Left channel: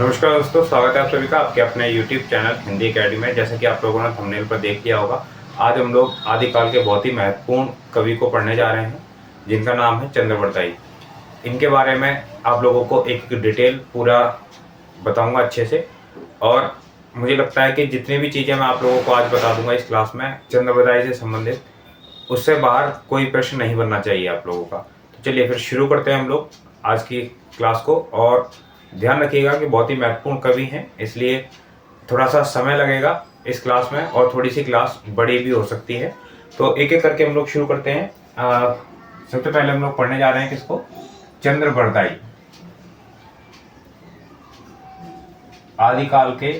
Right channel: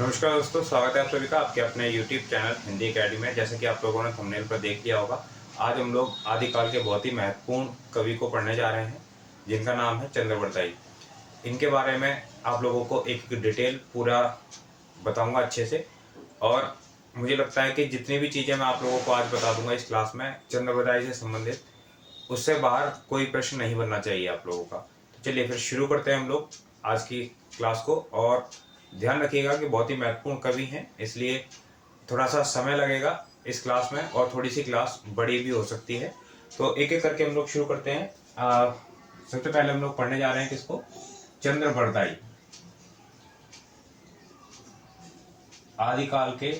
नमस्कार दोस्तों, स्वागत है आप सभी का आपके अपने YouTube चैनल हिंदी एकेडमी में। जैसा कि आप लोगों ने थंबनेल पर देख लिया होगा, आज हम लोग आदिकाल के बहुत ही महत्वपूर्ण कवि को पढ़ने जा रहे हैं, जिनका नाम है चंद्रवरदाई। इनके बारे में आप लोगों को एक डिटेल पूरा बताऊंगा अच्छे से। और मुझे लगता है कि जितनी भी चीज़ें मैं आप लोगों को आज बता दूंगा इस क्लास में चंद्रवरदाई से संबंधित, उससे बाहर कोई प्रश्न नहीं बनना चाहिए आप लोगों का। तो चलिए फिर शुरू करते हैं हम लोग आज की क्लास को। और ध्यान रखिएगा कि बहुत ही महत्वपूर्ण कवि हैं, इसलिए थोड़ा सा समय लगेगा इस क्लास में और थोड़ी सी क्लास बड़ी भी हो सकती है। तो एक एक करके हम लोग शुरू करते हैं। सबसे पहले हम लोग पढ़ने जा रहे हैं किसको? चंद्रवरदाई। आदिकाल के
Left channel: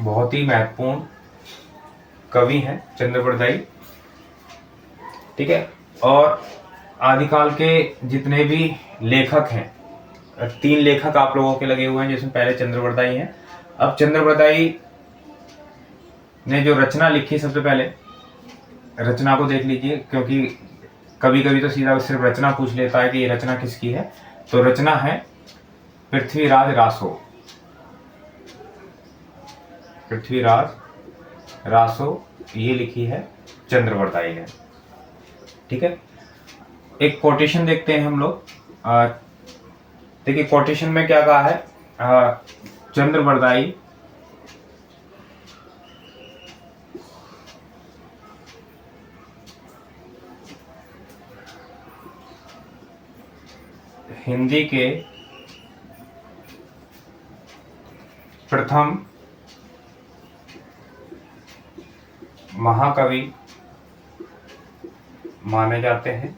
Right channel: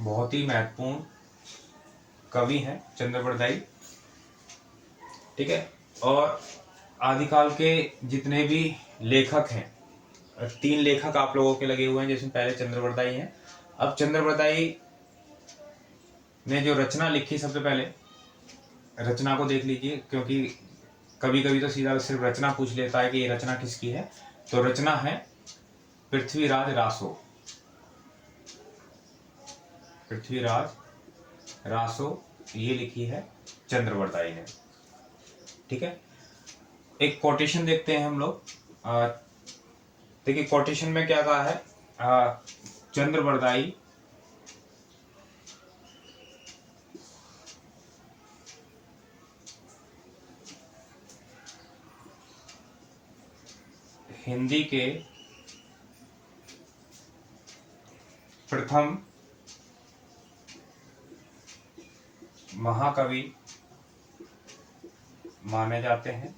बहुत ही महत्वपूर्ण कवि हैं चंद्रवरदाई, ठीक है। और आदिकाल के जितने भी लेखक हैं, 3 लेखक आप लोगों के लगे हुए हैं, जिसमें पहले चंद्रवरदाई हैं। अब चंद्रवरदाई ने जो रचना लिखी, सबसे पहले रचना को देख लीजिए, क्योंकि कभी कभी तो सीधा सिर्फ रचना पूछ लेता है कि ये रचना किसकी है। तो रचना है पृथ्वीराज रासो। पृथ्वीराज रासो ये लिखी है चंद्रवरदाई ने, ठीक है। एक कोटेशन देखते हैं हम लोग। देखिए कोटेशन में क्या कहा है। चंद्रवरदाई हिंदी के प्रथम महाकवि माने जाते हैं।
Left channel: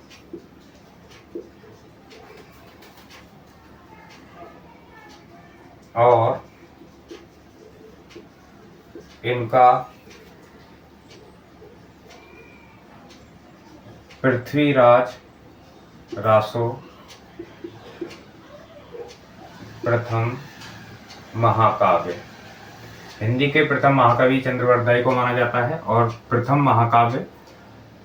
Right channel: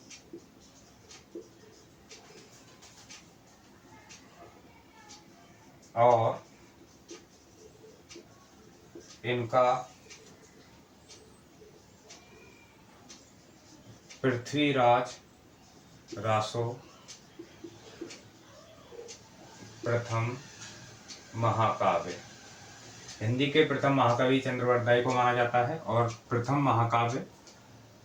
और इनका पृथ्वीराज रासो प्रथम महाकाव्य, हिंदी के प्रथम महाकवि चंद्रवरदाई को माना जाता है और प्रथम महाकाव्य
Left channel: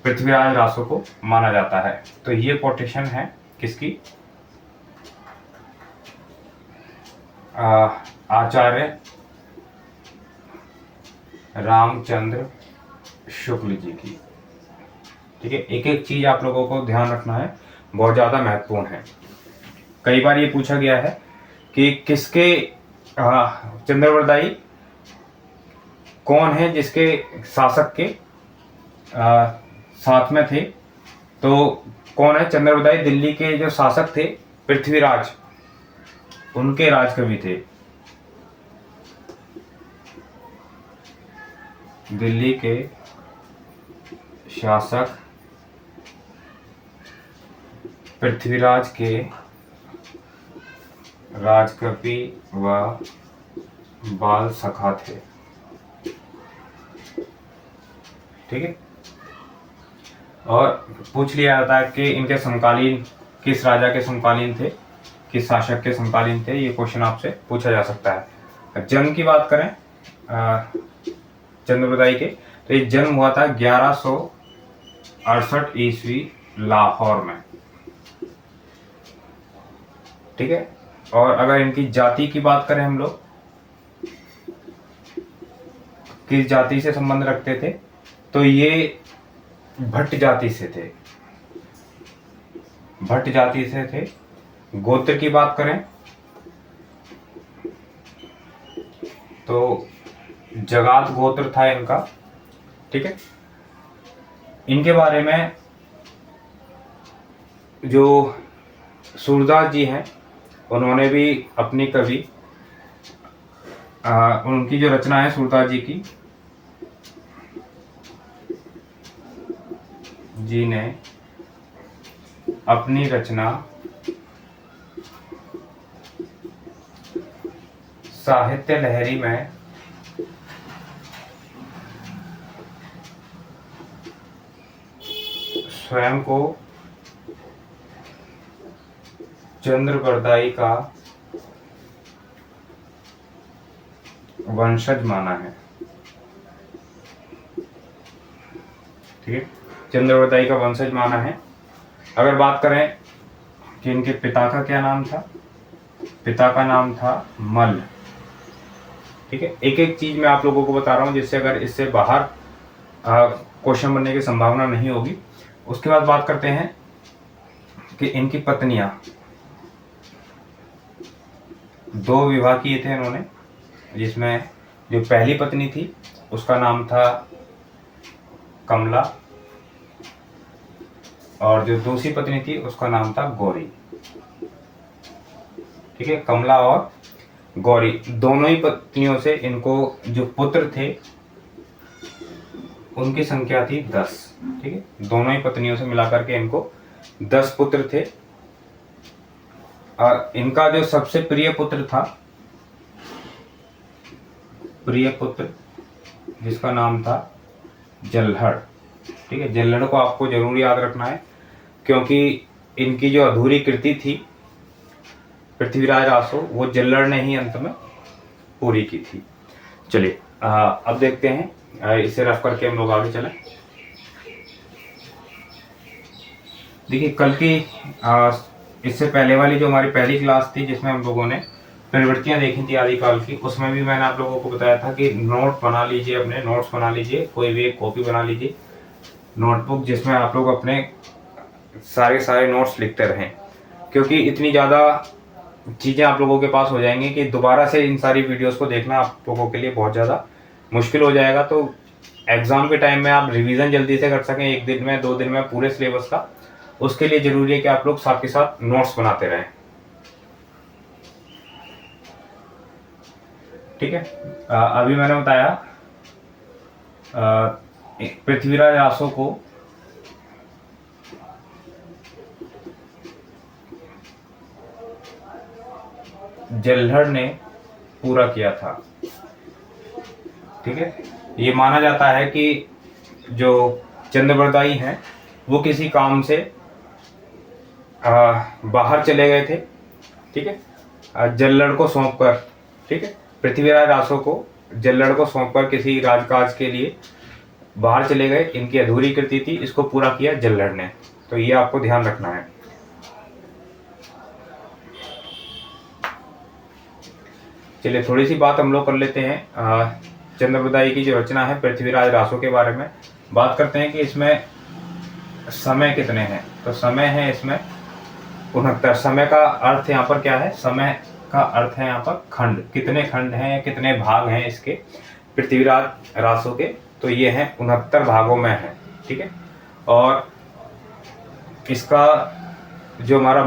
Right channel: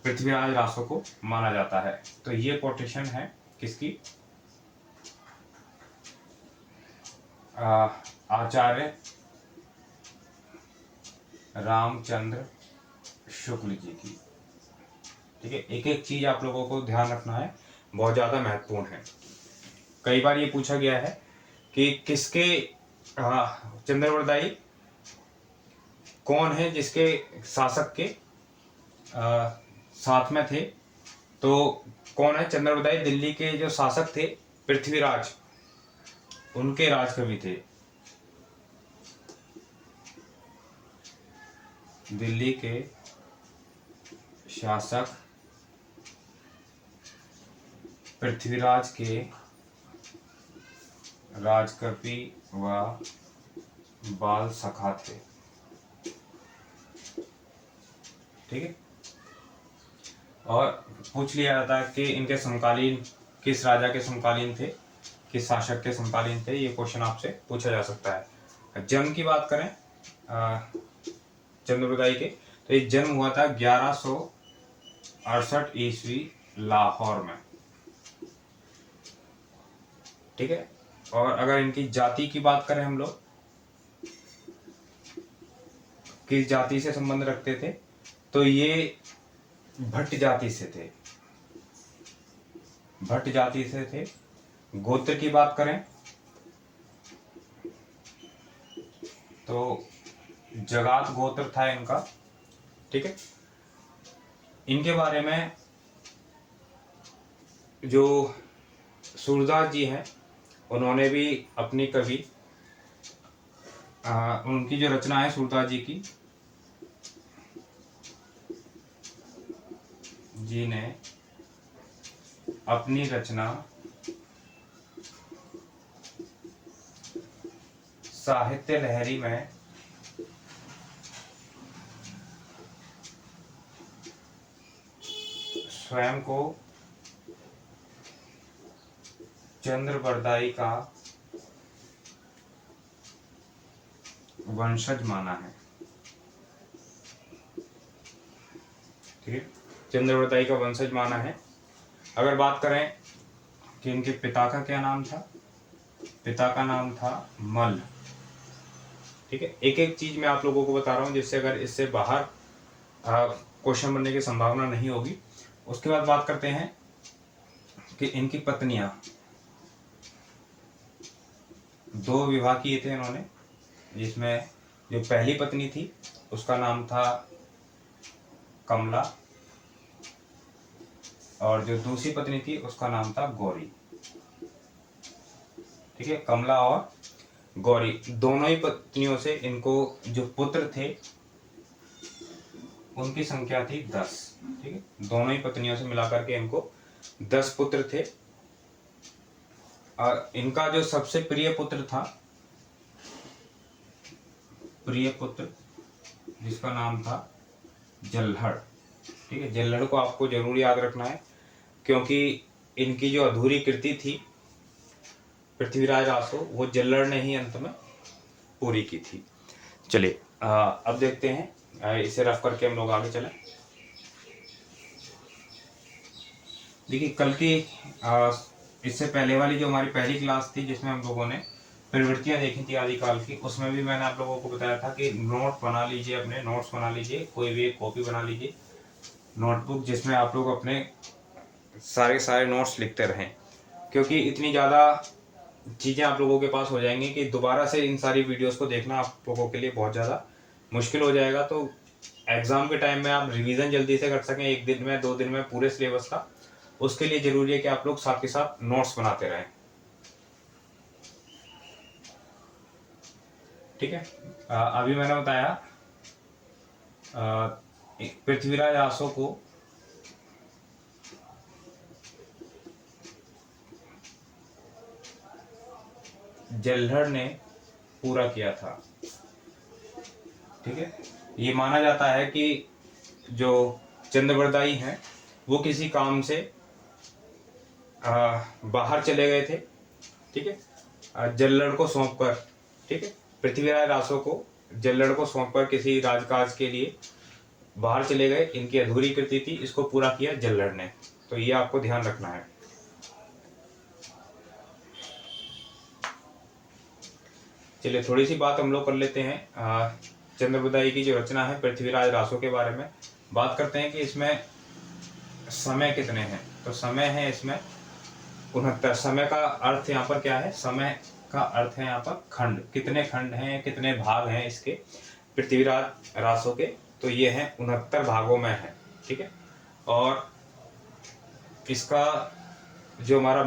पृथ्वीराज रासो को माना जाता है। तो ये कोटेशन है किसकी? आचार्य रामचंद्र शुक्ल जी की, ठीक है। एक एक चीज आप लोगों को ध्यान रखना है, बहुत ज्यादा महत्वपूर्ण है। कई बार ये पूछा गया है कि किसके चंद्रवरदाई कौन है जिसके शासक के साथ में थे। तो कौन है? चंद्रवरदाई दिल्ली के जो शासक थे पृथ्वीराज, उनके राजकवि थे। दिल्ली के शासक पृथ्वीराज के राजकवि व बाल सखा थे, ठीक है। और पूछ लिया जाता है कि इनके समकालीन किस राजा के समकालीन थे, किस शासक के समकालीन थे। ये क्वेश्चन आपसे पूछा जा सकता है। जन्म की बात करें चंद्रवरदाई के, तो ये जन्म हुआ था 1168 ईस्वी लाहौर में, ठीक है। और अगर इनकी जाति की बात करें हम लोग, किस जाति से संबंध रखते थे, तो ये भट्ट जाति से थे। भट्ट जाति से थे। गोत्र की बात करें तो जगात गोत्र था इनका, ठीक है। इनके बारे में जो सूरदास जी हैं, उन्होंने भी अपनी कवि उनकी जो रचना है सूरदास जी ने अपनी रचना साहित्य लहरी में स्वयं को चंद्रवरदाई का वंशज माना है, ठीक है। चंद्रवरदाई का वंशज माना है। अगर बात करें कि इनके पिता का क्या नाम था, पिता का नाम था मल्ल, ठीक है, एक एक चीज मैं आप लोगों को बता रहा हूँ, जिससे अगर इससे बाहर क्वेश्चन बनने की संभावना नहीं होगी। उसके बाद बात करते हैं कि इनकी पत्नियां, 2 विवाह किए थे इन्होंने, जिसमें जो पहली पत्नी थी उसका नाम था कमला, और जो दूसरी पत्नी थी उसका नाम था गौरी। ठीक है, कमला और गौरी, दोनों ही पत्नियों से इनको जो पुत्र थे उनकी संख्या थी 10। ठीक है, दोनों ही पत्नियों से मिलाकर के इनको 10 पुत्र थे। और इनका जो सबसे प्रिय पुत्र था, प्रिय पुत्र, जिसका नाम था जल्हड़। ठीक है, जल्हड़ को आपको जरूर याद रखना है, क्योंकि इनकी जो अधूरी कृति थी पृथ्वीराज रासो, वो जल्हड़ ने ही अंत में पूरी की थी। चलिए अब देखते हैं, इसे रफ करके हम लोग आगे चलें। देखिए, कल की इससे पहले वाली जो हमारी पहली क्लास थी, जिसमें हम लोगों ने प्रवृत्तियां देखी थी आदिकाल की, उसमें भी मैंने आप लोगों को बताया था कि नोट बना लीजिए, अपने नोट्स बना लीजिए, कोई भी एक कॉपी बना लीजिए, नोटबुक, जिसमें आप लोग अपने सारे नोट्स लिखते रहें, क्योंकि इतनी ज़्यादा चीज़ें आप लोगों के पास हो जाएंगी कि दोबारा से इन सारी वीडियोस को देखना आप लोगों के लिए बहुत ज़्यादा मुश्किल हो जाएगा। तो एग्ज़ाम के टाइम में आप रिवीजन जल्दी से कर सकें, 1 दिन में 2 दिन में पूरे सिलेबस का, उसके लिए ज़रूरी है कि आप लोग साथ के साथ नोट्स बनाते रहें। ठीक है, अभी मैंने बताया पृथ्वीराज रासो को जल्हड़ ने पूरा किया था। ठीक है, ये माना जाता है कि जो चंद्रबरदाई हैं वो किसी काम से बाहर चले गए थे। ठीक है, जल्हड़ को सौंप कर, ठीक है, पृथ्वीराज रासो को जल्हड़ को सौंप कर किसी राजकाज के लिए बाहर चले गए। इनकी अधूरी कृति थी, इसको पूरा किया जल्हड़ ने, तो ये आपको ध्यान रखना है। चलिए, थोड़ी सी बात हम लोग कर लेते हैं चंद्रबरदाई की जो रचना है पृथ्वीराज रासो के बारे में। बात करते हैं कि इसमें समय कितने हैं। तो समय है इसमें 69। समय का अर्थ यहाँ पर क्या है? समय का अर्थ है यहाँ पर खंड, कितने खंड हैं, कितने भाग हैं इसके पृथ्वीराज रासो के, तो ये हैं 69 भागों में है। ठीक है, और इसका जो हमारा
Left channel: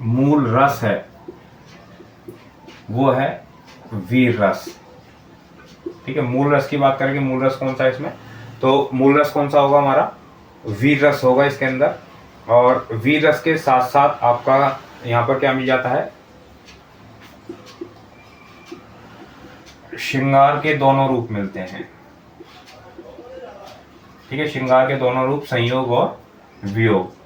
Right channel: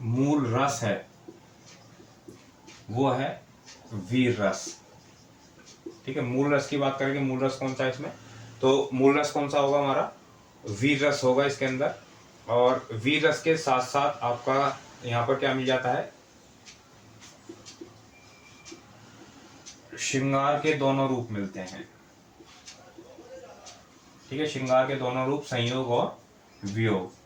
मूल रस है वो है वीर रस। ठीक है, मूल रस की बात करेंगे, मूल रस कौन सा है इसमें, तो मूल रस कौन सा होगा हमारा? वीर रस होगा इसके अंदर। और वीर रस के साथ साथ आपका यहाँ पर क्या मिल जाता है? श्रृंगार के दोनों रूप मिलते हैं। ठीक है, श्रृंगार के दोनों रूप, संयोग और वियोग।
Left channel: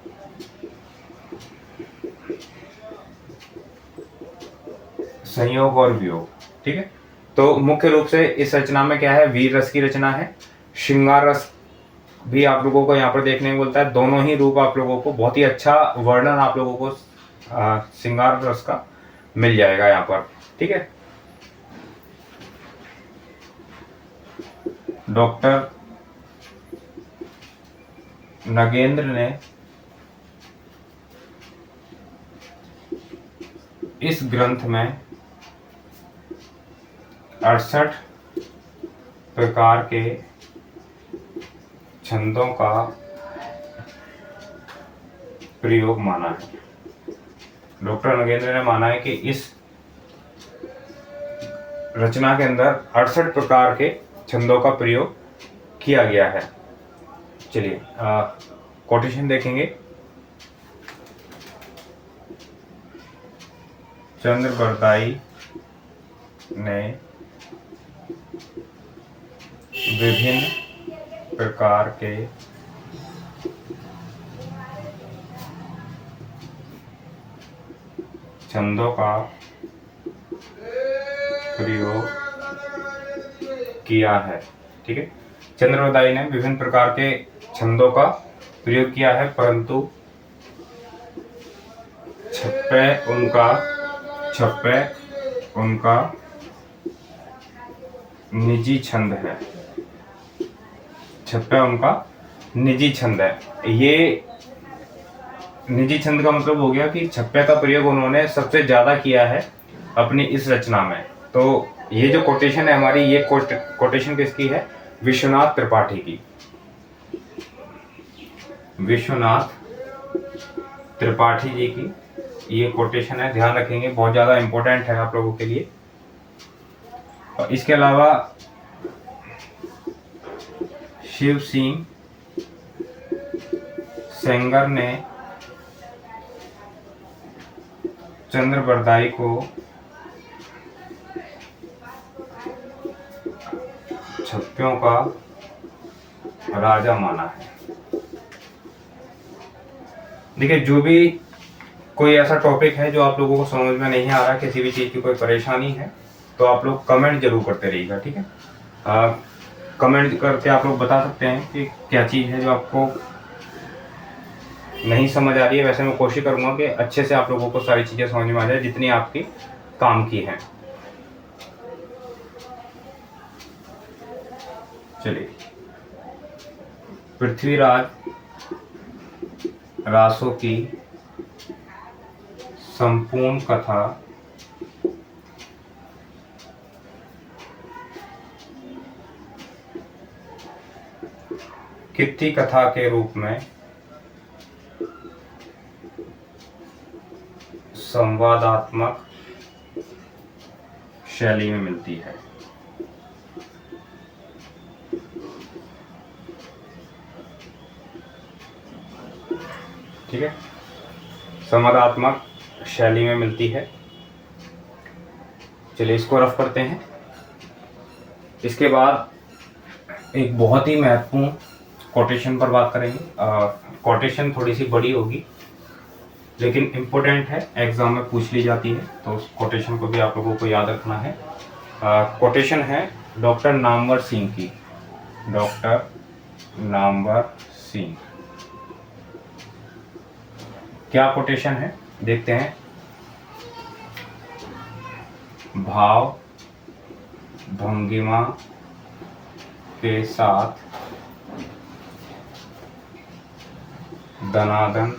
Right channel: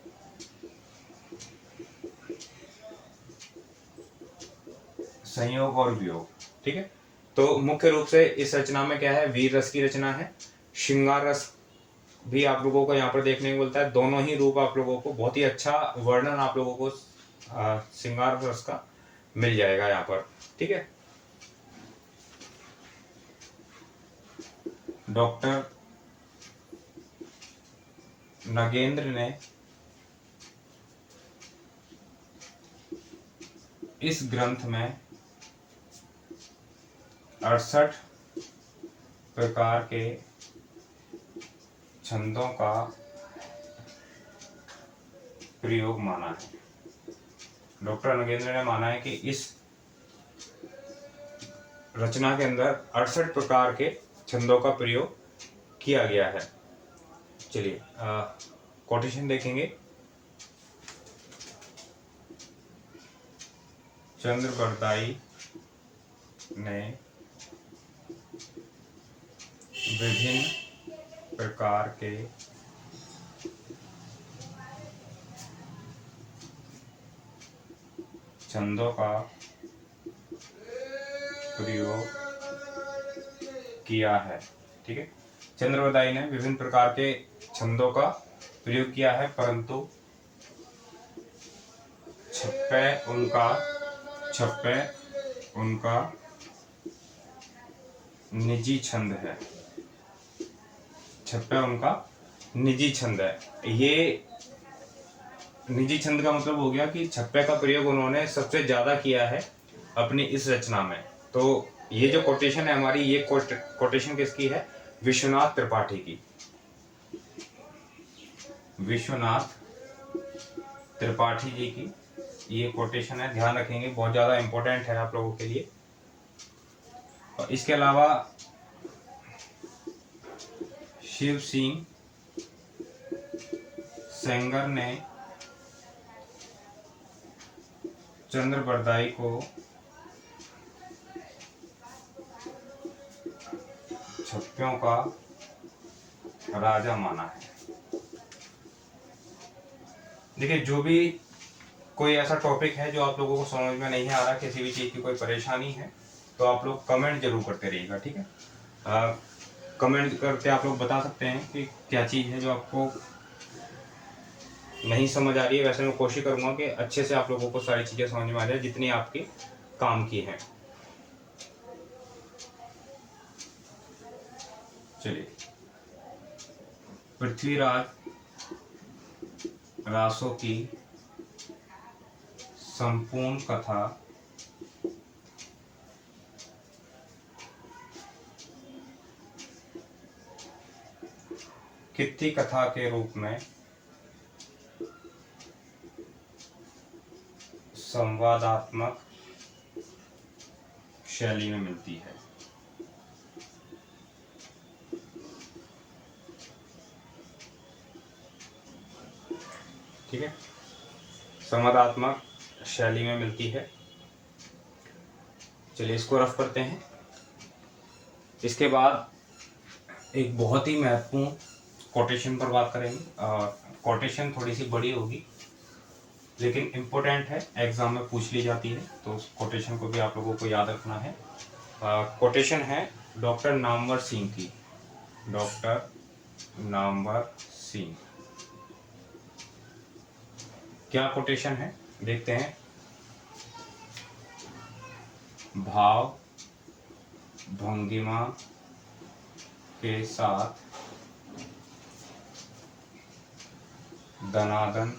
संयोग और वियोग। ठीक है, तो मुख्य रूप से इस रचना में क्या है? वीर रस की रचना है। श्रृंगार रस भी आप लोगों को यहाँ पर देखने को मिलता है। दोनों ही रूप आप लोगों को, बहुत ही अच्छा वर्णन आप लोगों को श्रृंगार रस का मिल जाएगा यहाँ पर। ठीक है, डॉक्टर नगेंद्र ने इस ग्रंथ में 68 प्रकार के छंदों का प्रयोग माना है। डॉक्टर नगेंद्र ने माना है कि इस रचना के अंदर 68 प्रकार के छंदों का प्रयोग किया गया है। चलिए कोटेशन देखेंगे। चंद्रबरदाई ने विभिन्न प्रकार के छंदों का प्रयोग किया है। ठीक है, चंद्रबरदाई ने विभिन्न प्रकार के छंदों का प्रयोग किया है, परंतु छप्पे उनका निजी छंद है। छप्पा उनका निजी छंद है। ये निजी छंद का मतलब हो गया कि छप्पे का प्रयोग उन्होंने सबसे ज्यादा किया है अपनी इस रचना में। तो ये जो कोटेशन है हमारी, ये कोटेशन किसकी है? विश्वनाथ त्रिपाठी की। विश्वनाथ त्रिपाठी जी की ये कोटेशन है, ध्यान रखेंगे, बहुत ज्यादा इंपॉर्टेंट है आप लोगों के लिए। और इसके अलावा शिव सिंह सेंगर ने चंद्रबरदाई को छप्पियों का राजा माना है। देखिए, जो भी कोई ऐसा टॉपिक है जो आप लोगों को समझ में नहीं आ रहा, किसी भी चीज़ की कोई परेशानी है, तो आप लोग कमेंट जरूर करते रहिएगा, ठीक है। कमेंट करके आप लोग बता सकते हैं कि क्या चीज़ है जो आपको नहीं समझ आ रही है। वैसे मैं कोशिश करूँगा कि अच्छे से आप लोगों को सारी चीज़ें समझ में आ जाए जितनी आपकी काम की हैं। चलिए, पृथ्वीराज रासो की संपूर्ण कथा कित्ती कथा के रूप में संवादात्मक शैली में मिलती है। ठीक है, संवादात्मक शैली में मिलती है। चलिए इसको रफ करते हैं। इसके बाद एक बहुत ही महत्वपूर्ण कोटेशन पर बात करेंगे। कोटेशन थोड़ी सी बड़ी होगी लेकिन इम्पोर्टेंट है, एग्जाम में पूछ ली जाती है, तो उस कोटेशन को भी आप लोगों को याद रखना है। कोटेशन है डॉक्टर नामवर सिंह की। डॉक्टर नामवर सिंह, क्या कोटेशन है देखते हैं। भाव भंगिमा के साथ दनादन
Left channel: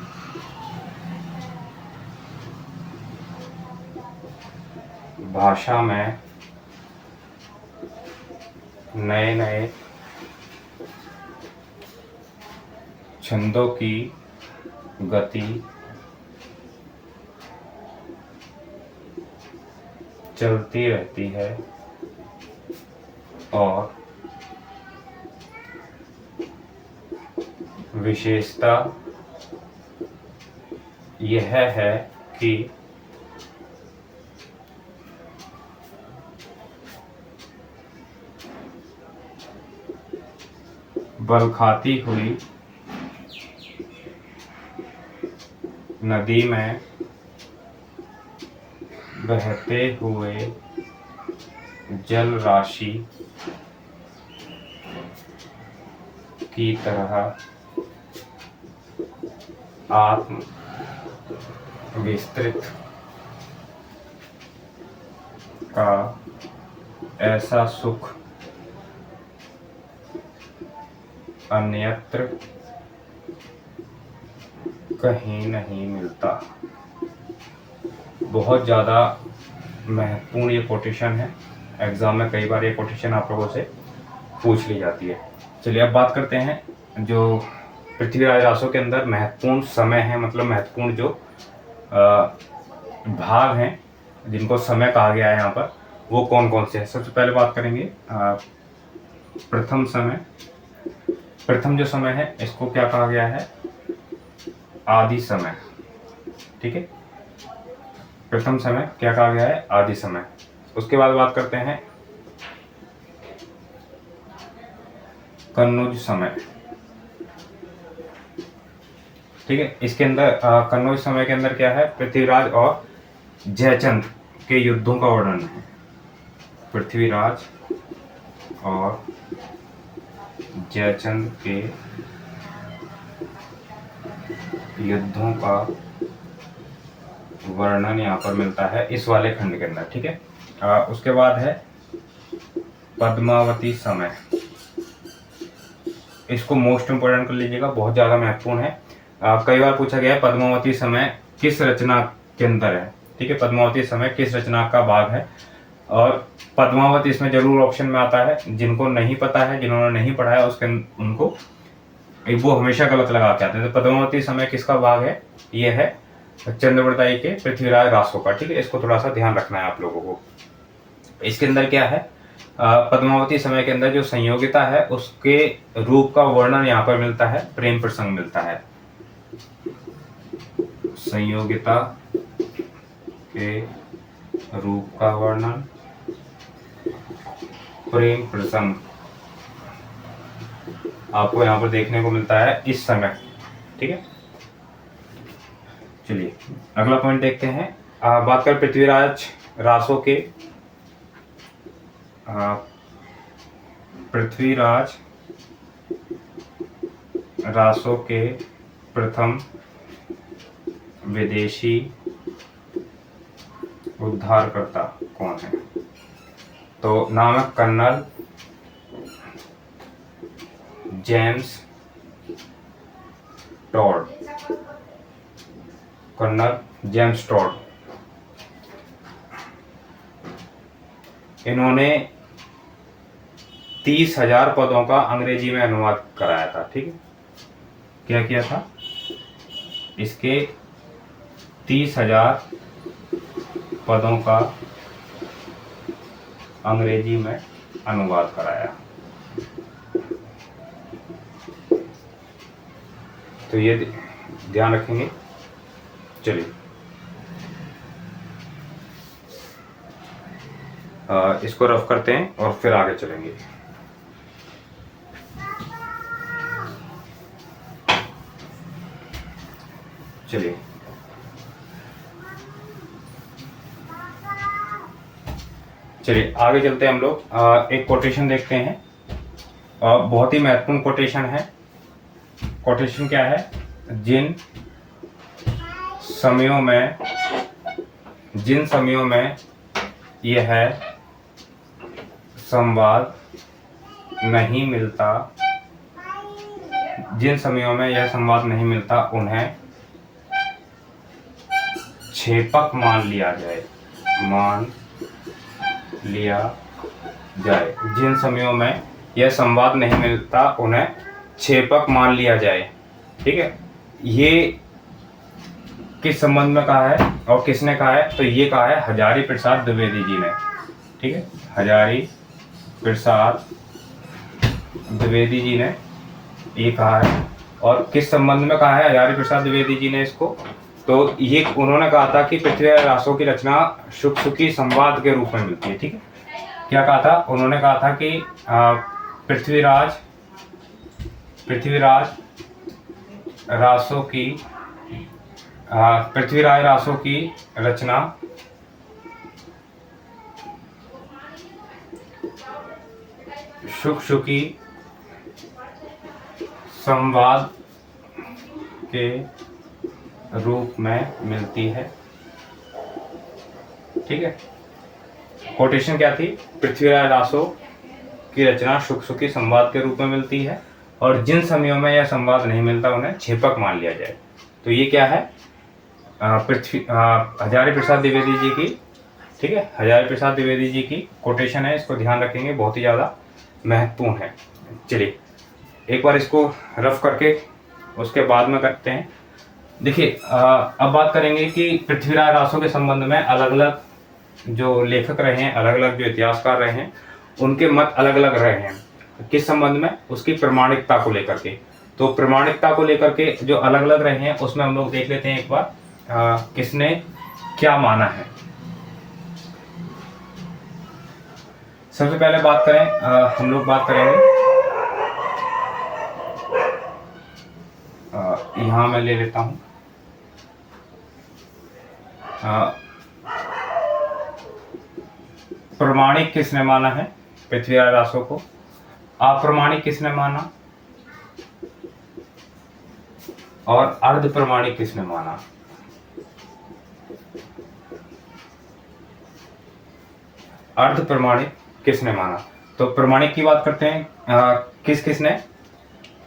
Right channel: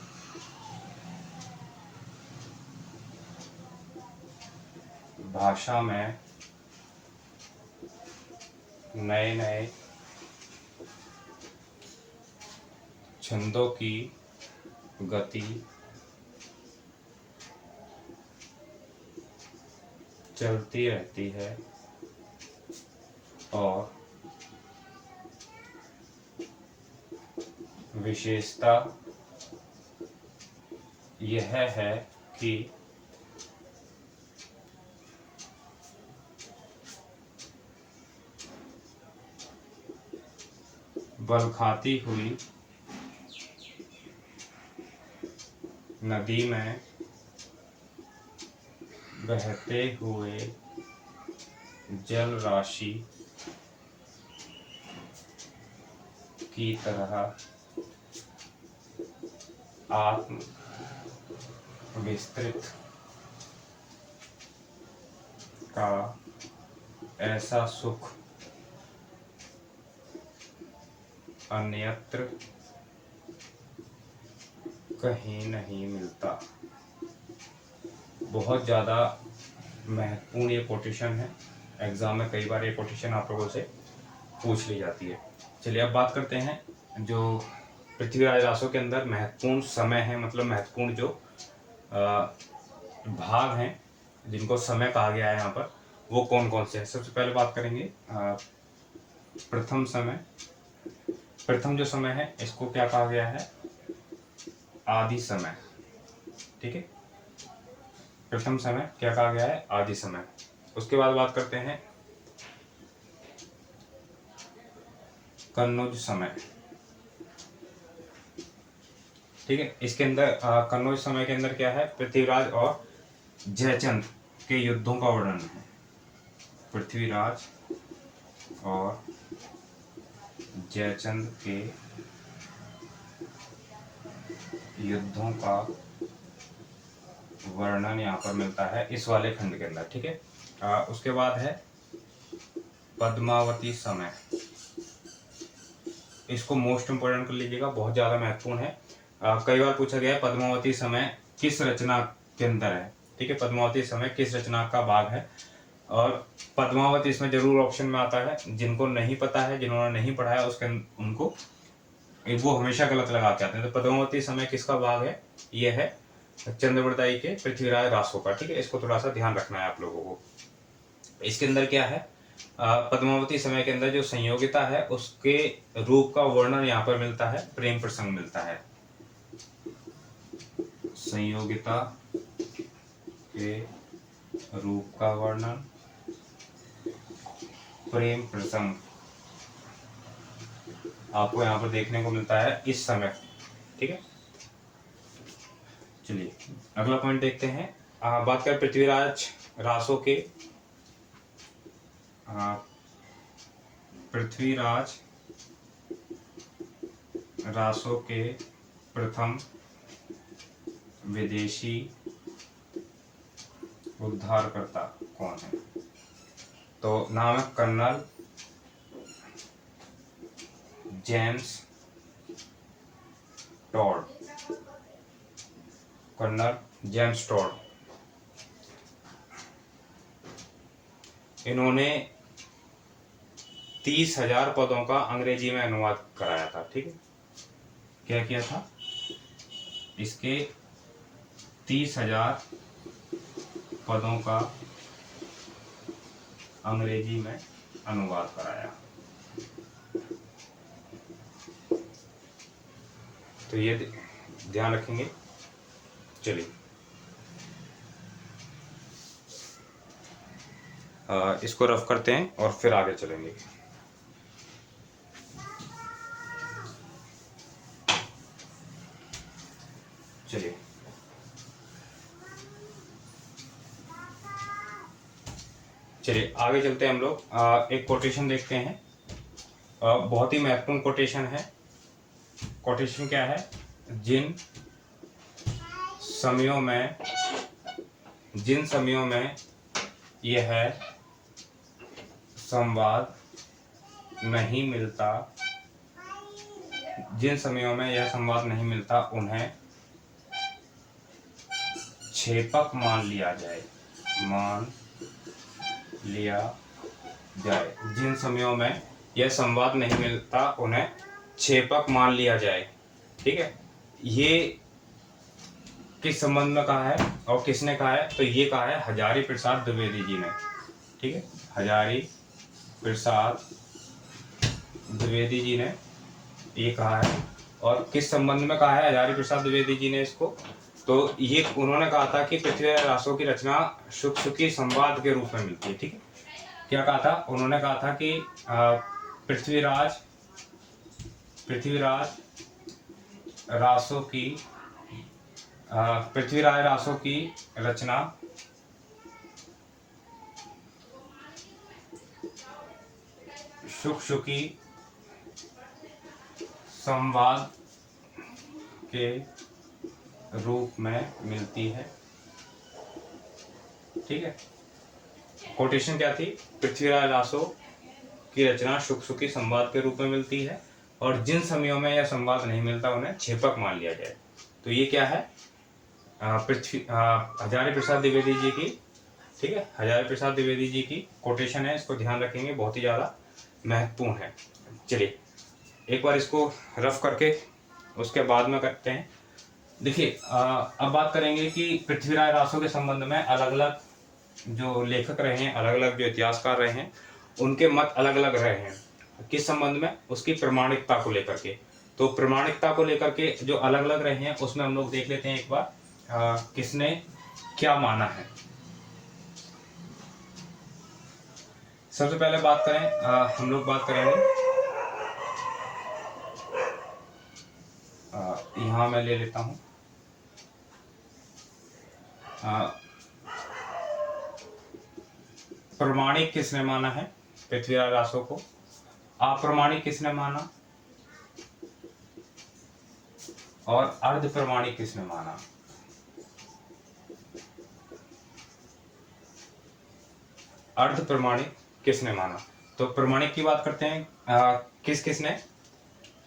भाषा में नए नए छंदों की गति चलती रहती है और विशेषता यह है कि बल खाती हुई नदी में बहते हुए जल राशि की तरह आत्म विस्तृत का ऐसा सुख अन्यत्र कहीं नहीं मिलता। बहुत ज़्यादा महत्वपूर्ण ये कोटेशन है, एग्जाम में कई बार ये कोटेशन आप लोगों से पूछ ली जाती है। चलिए अब बात करते हैं जो पृथ्वीराज रासो के अंदर महत्वपूर्ण समय है, मतलब महत्वपूर्ण जो भाग हैं जिनको समय कहा गया है यहाँ पर, वो कौन कौन से हैं। सबसे पहले बात करेंगे प्रथम समय। प्रथम जो समय है इसको क्या कहा गया है? आदि समय। ठीक है, प्रथम समय क्या कहा गया है? आदि समय। उसके बाद बात करते हैं कन्नौज समय। ठीक है, इसके अंदर कन्नौज समय के अंदर क्या है? पृथ्वीराज और जयचंद के युद्धों का वर्णन है। पृथ्वीराज और जयचंद के युद्धों का वर्णन यहाँ पर मिलता है इस वाले खंड के अंदर। ठीक है, उसके बाद है पद्मावती समय, इसको मोस्ट इंपोर्टेंट कर लीजिएगा, बहुत ज़्यादा महत्वपूर्ण है। कई बार पूछा गया है पद्मावती समय किस रचना के अंदर है। ठीक है, पद्मावती समय किस रचना का भाग है, और पद्मावती इसमें जरूर ऑप्शन में आता है। जिनको नहीं पता है, जिन्होंने नहीं पढ़ा है, उसके उनको वो हमेशा गलत लगा के आते हैं। तो पद्मावती समय किसका भाग है, ये है चंद्रवरदाई के पृथ्वीराज रासो का। ठीक है, इसको थोड़ा सा ध्यान रखना है आप लोगों को। इसके अंदर क्या है, पद्मावती समय के अंदर जो संयोगिता है उसके रूप का वर्णन यहाँ पर मिलता है, प्रेम प्रसंग मिलता है। संयोगिता के रूप का वर्णन, प्रेम प्रसंग आपको यहाँ पर देखने को मिलता है इस समय। ठीक है, चलिए अगला पॉइंट देखते हैं। बात करें पृथ्वीराज रासो के, पृथ्वीराज रासो के प्रथम विदेशी उद्धारकर्ता कौन है। तो नाम है colonel James Tod, colonel James Tod. इन्होंने 30,000 पदों का अंग्रेजी में अनुवाद कराया था। ठीक है, क्या किया था, इसके 30,000 पदों का अंग्रेजी में अनुवाद कराया। तो ये ध्यान रखेंगे। चलिए इसको रफ करते हैं और फिर आगे चलेंगे। चलिए आगे चलते हैं हम लोग। एक कोटेशन देखते हैं, बहुत ही महत्वपूर्ण कोटेशन है। कोटेशन क्या है, जिन समयों में यह संवाद नहीं मिलता, जिन समयों में यह संवाद नहीं मिलता उन्हें छेपक मान लिया जाए। जिन समयों में यह संवाद नहीं मिलता उन्हें छेपक मान लिया जाए। ठीक है, ये किस संबंध में कहा है और किसने कहा है, तो ये कहा है हजारी प्रसाद द्विवेदी जी ने। ठीक है, हजारी प्रसाद द्विवेदी जी ने ये कहा है। और किस संबंध में कहा है हजारी प्रसाद द्विवेदी जी ने इसको, तो ये उन्होंने कहा था कि पृथ्वीराज रासो की रचना शुक शुकी संवाद के रूप में मिलती है। ठीक है, क्या कहा था, उन्होंने कहा था कि पृथ्वीराज रासो की रचना शुक शुकी संवाद के रूप में मिलती है। ठीक है, कोटेशन क्या थी, पृथ्वीराज रासो की रचना शुक शुकी संवाद के रूप में मिलती है और जिन समयों में यह संवाद नहीं मिलता उन्हें छेपक मान लिया जाए। तो ये क्या है, हजारी प्रसाद द्विवेदी जी की, ठीक है, हजारी प्रसाद द्विवेदी जी की कोटेशन है, इसको ध्यान रखेंगे, बहुत ही ज़्यादा महत्वपूर्ण है। चलिए एक बार इसको रफ करके उसके बाद में करते हैं। देखिए अब बात करेंगे कि पृथ्वीराज रासो के संबंध में अलग अलग जो लेखक रहे हैं, अलग अलग जो इतिहासकार रहे हैं, उनके मत अलग अलग रहे हैं। किस संबंध में, उसकी प्रमाणिकता को लेकर के। तो प्रमाणिकता को लेकर के जो अलग अलग रहे हैं उसमें हम लोग देख लेते हैं एक बार किसने क्या माना है। सबसे पहले बात करें, हम लोग बात करेंगे, यहां मैं ले लेता हूं, प्रमाणिक किसने माना है पृथ्वीराज रासो को, अप्रमाणिक किसने माना और अर्ध प्रमाणिक किसने माना। अर्ध प्रमाणिक किसने माना, तो तो प्रमाणिक की बात करते हैं, किस किसने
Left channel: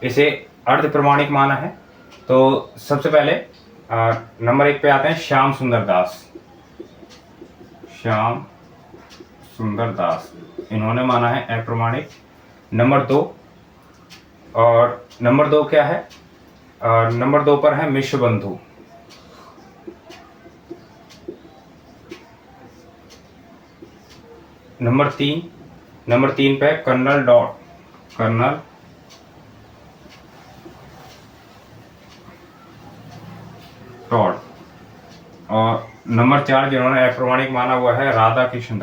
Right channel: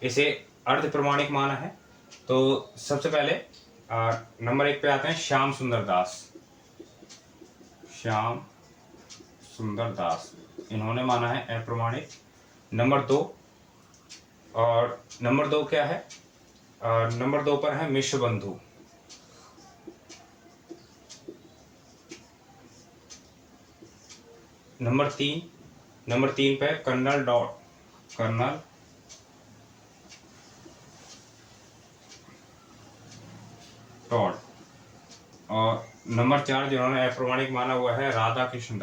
इसे अर्ध प्रमाणिक माना है। तो सबसे पहले नंबर 1 पे आते हैं श्याम सुंदर दास। श्याम सुंदर दास इन्होंने माना है अप्रमाणिक। नंबर 2, और नंबर 2 क्या है, नंबर 2 पर है मिश्र बंधु। नंबर 3 पे कर्नल टॉड। और नंबर 4 जिन्होंने अप्रमाणिक माना हुआ है राधा कृष्ण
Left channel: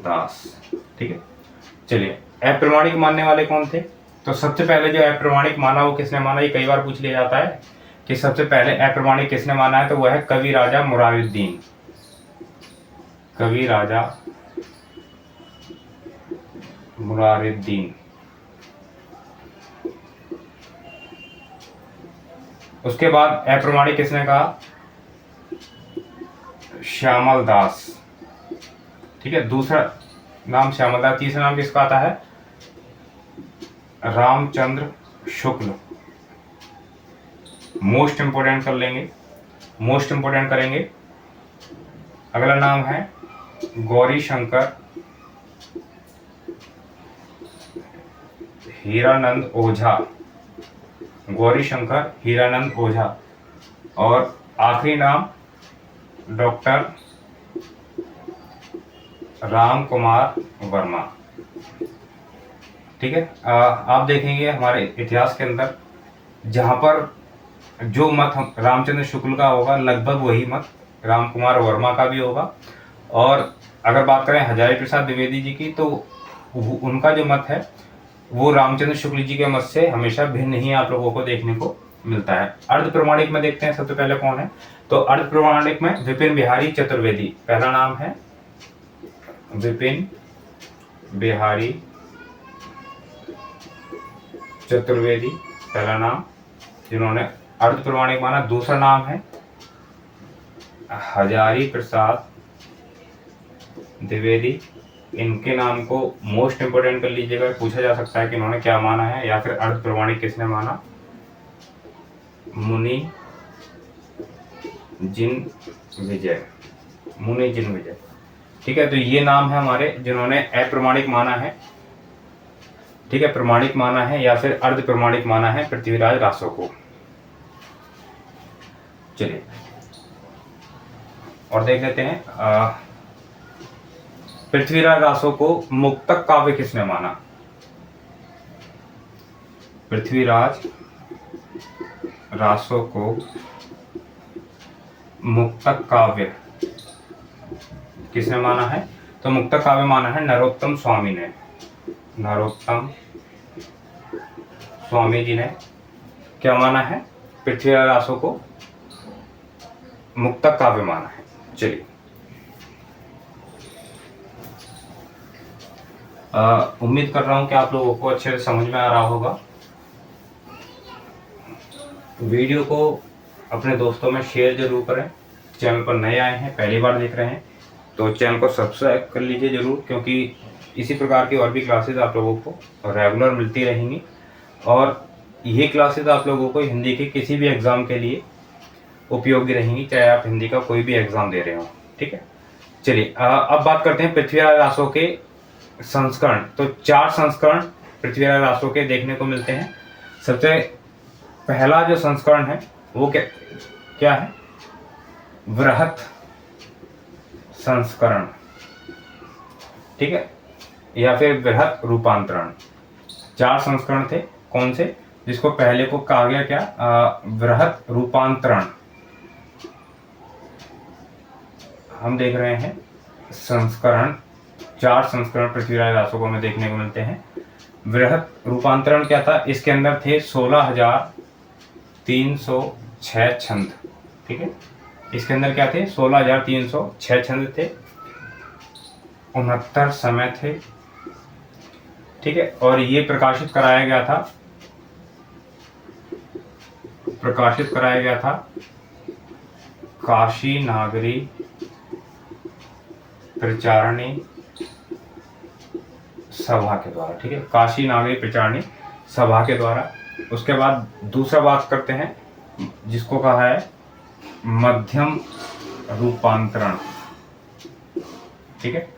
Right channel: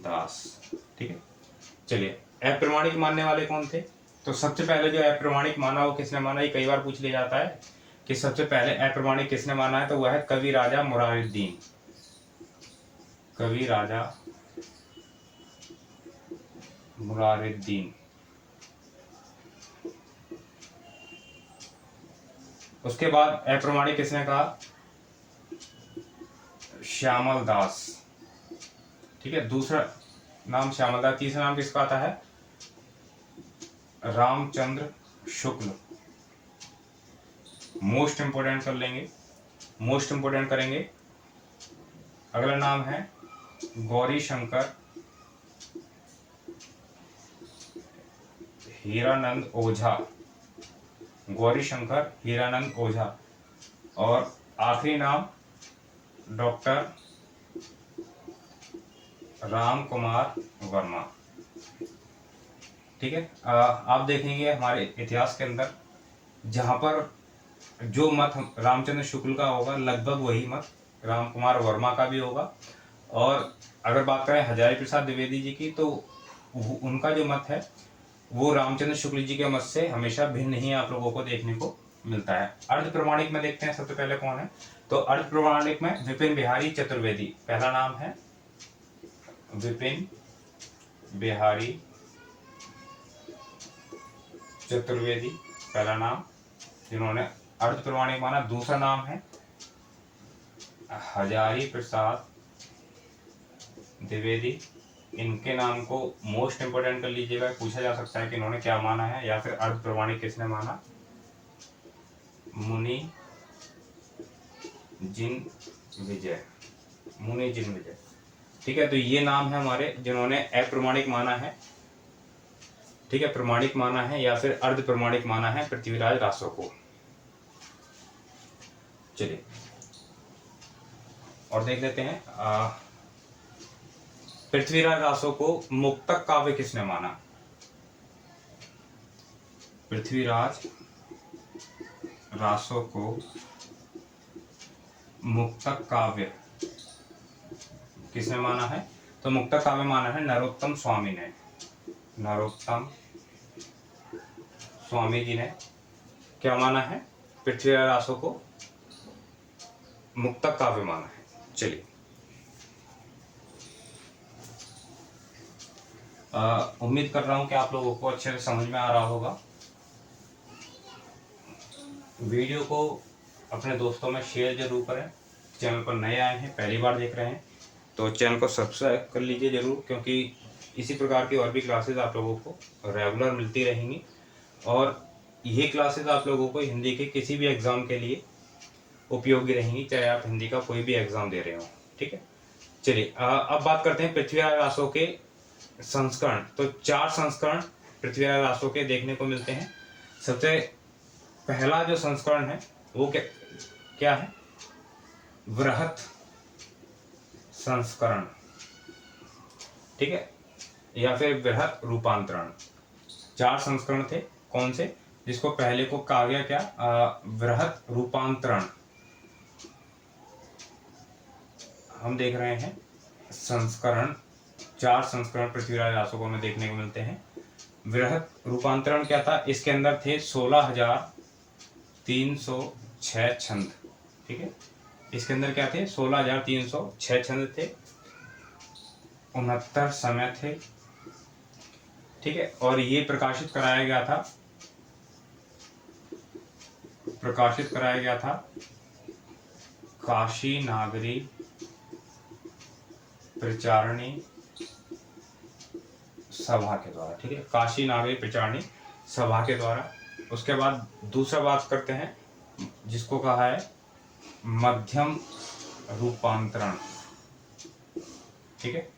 दास। ठीक है, चलिए अप्रमाणिक मानने वाले कौन थे। तो सबसे पहले जो अप्रमाणिक माना वो किसने माना, ये कई बार पूछ लिया जाता है कि सबसे पहले अप्रमाणिक किसने माना है। तो वह है कवि राजा मुरारुद्दीन। उसके बाद अप्रमाणिक किसने कहा, श्यामल दास। ठीक है, दूसरा नाम श्यामल दास। तीसरा नाम किसका आता है, रामचंद्र शुक्ल। मोस्ट इंपोर्टेंट करेंगे। अगला नाम है गौरी शंकर हीरानंद ओझा। और आखिरी नाम डॉक्टर राम कुमार वर्मा। ठीक है, आप देखेंगे हमारे इतिहास के अंदर जहाँ पर जो मत रामचंद्र शुक्ल का होगा लगभग वही मत राम कुमार वर्मा का भी होगा। और अगर बात करें हजारी प्रसाद द्विवेदी जी की, तो उनका जो मत है वो रामचंद्र शुक्ल जी के मत से हमेशा भिन्न ही आप लोगों को देखने को मिलता है। अर्ध प्रमाणिक में देखते हैं सबसे पहले कौन है। तो अर्ध प्रमाणिक में विपिन बिहारी चतुर्वेदी पहला नाम है। विपिन बिहारी चतुर्वेदी पहला नाम, जिन्होंने अर्ध प्रमाणिक माना। दूसरा नाम है हजारी प्रसाद द्विवेदी। इनके नाम को मोस्ट इंपोर्टेंट कर लीजिएगा, पूछा जा सकता है कि इन्होंने क्या माना है या फिर अर्ध प्रमाणिक किसने माना। मुनि जिन विजय। ठीक है, तो ये नाम है हमारे जिन्होंने अप्रमाणिक माना है। ठीक है, प्रमाणिक माना है या फिर अर्ध प्रमाणिक माना है पृथ्वीराज रासो को। चलिए और देख लेते हैं, पृथ्वीराज रासो को मुक्तक काव्य किसने माना। पृथ्वीराज रासो को मुक्तक काव्य किसने माना है। तो मुक्तक काव्य माना है नरोत्तम स्वामी ने। नरोत्तम स्वामी जी ने क्या माना है, पृथ्वीराज रासो को मुक्तक काव्य माना है। चलिए उम्मीद कर रहा हूं कि आप लोगों को अच्छे से समझ में आ रहा होगा। वीडियो को अपने दोस्तों में शेयर जरूर करें। चैनल पर नए आए हैं, पहली बार देख रहे हैं तो चैनल को सब्सक्राइब कर लीजिए जरूर, क्योंकि इसी प्रकार की और भी क्लासेस आप लोगों को रेगुलर मिलती रहेंगी। और ये क्लासेस आप लोगों को हिंदी के किसी भी एग्ज़ाम के लिए उपयोगी रहेंगी, चाहे आप हिंदी का कोई भी एग्ज़ाम दे रहे हो। ठीक है, चलिए अब बात करते हैं पृथ्वीराज रासो के संस्करण। तो 4 संस्करण पृथ्वीराज रासो के देखने को मिलते हैं। सबसे पहला जो संस्करण है वो क्या है, वृहत संस्करण। ठीक है, या फिर वृहत रूपांतरण। 4 संस्करण थे, कौन से, जिसको पहले को कहा गया क्या, वृहत रूपांतरण। हम देख रहे हैं संस्करण, 4 संस्करण पृथ्वीराज रासो को हमें देखने को मिलते हैं। वृहत रूपांतरण क्या था, इसके अंदर थे 16,306 छंद। ठीक है, इसके अंदर क्या थे, 16,306 छंद थे, 69 समय थे। ठीक है, और ये प्रकाशित कराया गया था काशी नागरी प्रचारणी सभा के द्वारा, ठीक है, काशी नागरिक प्रचारणी सभा के द्वारा। उसके बाद दूसरा बात करते हैं जिसको कहा है मध्यम रूपांतरण, ठीक है।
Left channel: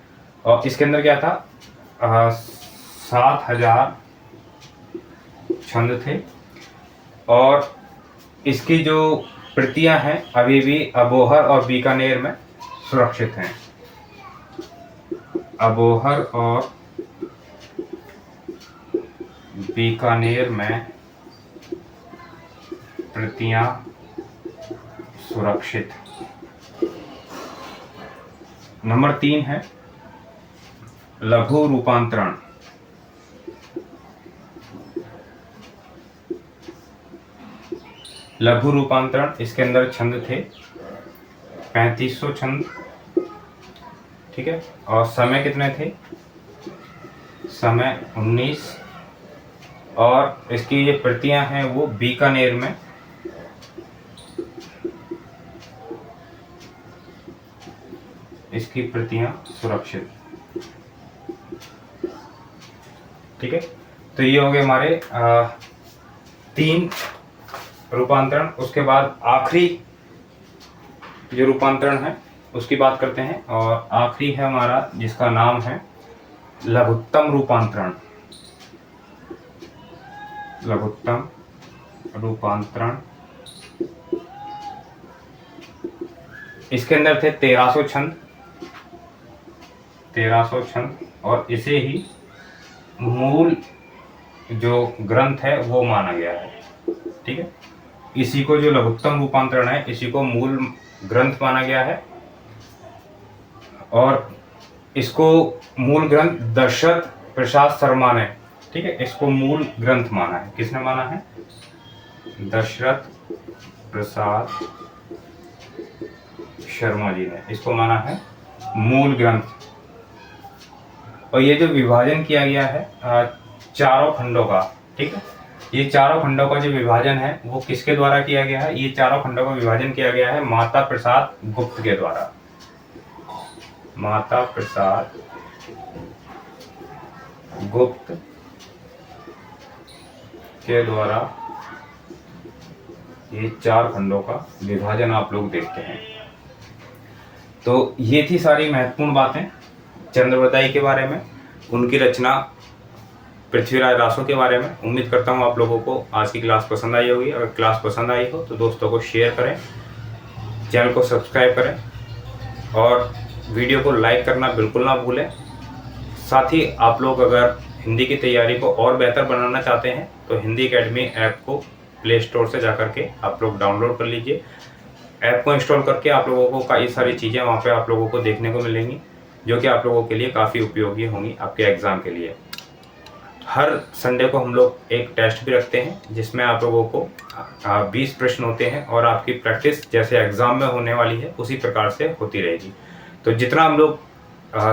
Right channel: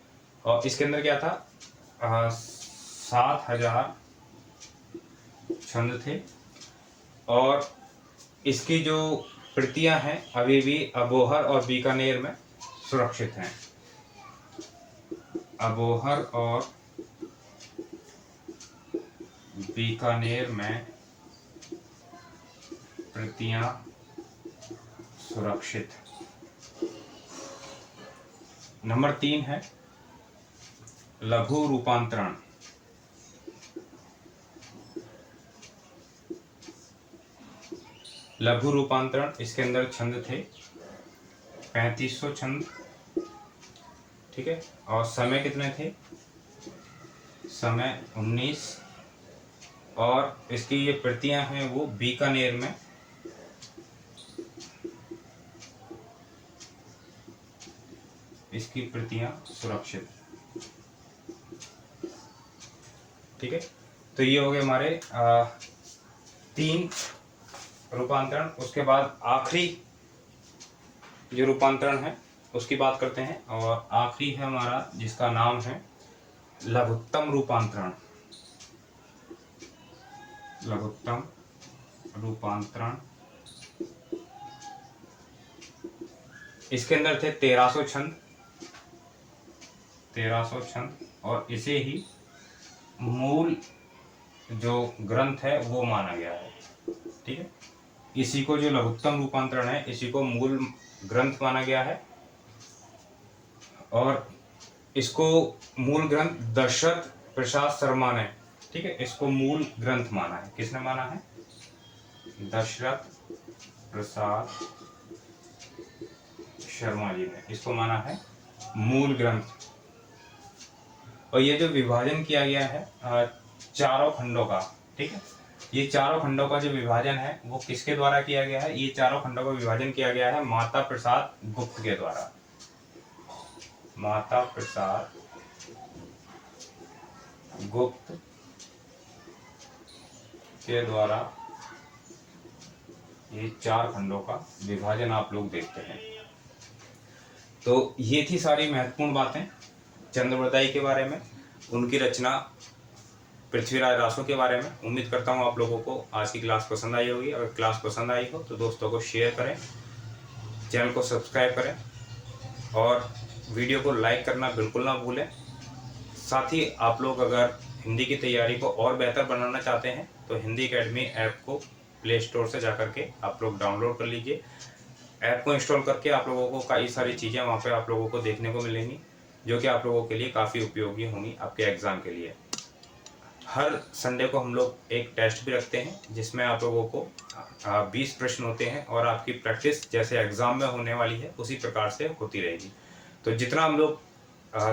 और इसके अंदर क्या था, 7000 छंद थे और इसकी जो प्रतियां हैं अभी भी अबोहर और बीकानेर में सुरक्षित हैं। अबोहर और बीकानेर में प्रतियां सुरक्षित। नंबर 3 है लघु रूपांतरण। लघु रूपांतरण, इसके अंदर छंद थे 3500 छंद, ठीक है। और समय कितने थे, समय 19। और इसकी जो प्रतियां हैं वो बीकानेर में इसकी प्रतियां सुरक्षित, ठीक है। तो ये हो गए हमारे 3 रूपांतरण। उसके बाद आखिरी जो रूपांतरण है उसकी बात करते हैं और आखिरी है हमारा जिसका नाम है लघुत्तम रूपांतरण। लघुत्तम रूपांतरण, इसके अंदर थे 1300 छंद, 1300 छंद और इसे ही मूल जो ग्रंथ है वो माना गया है, ठीक है। इसी को जो लघुत्तम रूपांतरण है इसी को मूल ग्रंथ माना गया है और इसको मूल ग्रंथ दशरथ प्रसाद शर्मा ने, ठीक है, इसको मूल ग्रंथ माना है। किसने माना है, दशरथ प्रसाद शर्मा जी ने इसको माना है मूल ग्रंथ। और ये जो विभाजन किया गया है 4 खंडों का, ठीक है, ये 4 खंडों का जो विभाजन है वो किसके द्वारा किया गया है, ये 4 खंडों का विभाजन किया गया है माता प्रसाद गुप्त के द्वारा। माता प्रसाद गुप्त के द्वारा ये 4 खंडों का विभाजन आप लोग देखते हैं। तो ये थी सारी महत्वपूर्ण बातें चंद्रवरदाई के बारे में, उनकी रचना पृथ्वीराज रासो के बारे में। उम्मीद करता हूँ आप लोगों को आज की क्लास पसंद आई होगी। अगर क्लास पसंद आई हो तो दोस्तों को शेयर करें, चैनल को सब्सक्राइब करें और वीडियो को लाइक करना बिल्कुल ना भूलें। साथ ही आप लोग अगर हिंदी की तैयारी को और बेहतर बनाना चाहते हैं तो हिंदी एकेडमी ऐप को प्ले स्टोर से जा करके आप लोग डाउनलोड कर लीजिए। ऐप को इंस्टॉल करके आप लोगों को कई सारी चीज़ें वहाँ पे आप लोगों को देखने को मिलेंगी जो कि आप लोगों के लिए काफ़ी उपयोगी होंगी आपके एग्ज़ाम के लिए। हर संडे को हम लोग एक टेस्ट भी रखते हैं जिसमें आप लोगों को 20 प्रश्न होते हैं और आपकी प्रैक्टिस जैसे एग्ज़ाम में होने वाली है उसी प्रकार से होती रहेगी। तो जितना हम लोग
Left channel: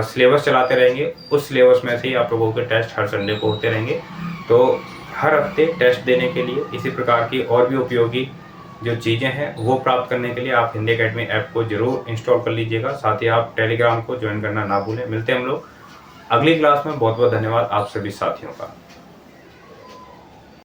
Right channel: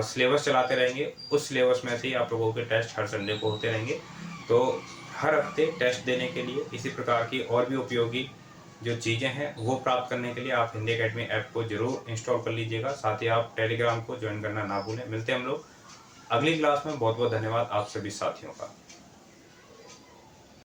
सिलेबस चलाते रहेंगे उस सिलेबस में से ही आप लोगों के टेस्ट हर संडे को होते रहेंगे। तो हर हफ्ते टेस्ट देने के लिए इसी प्रकार की और भी उपयोगी जो चीज़ें हैं वो प्राप्त करने के लिए आप हिंदी एकेडमी ऐप को जरूर इंस्टॉल कर लीजिएगा। साथ ही आप टेलीग्राम को ज्वाइन करना ना भूलें। मिलते हैं हम लोग अगली क्लास में। बहुत बहुत धन्यवाद आप सभी साथियों का।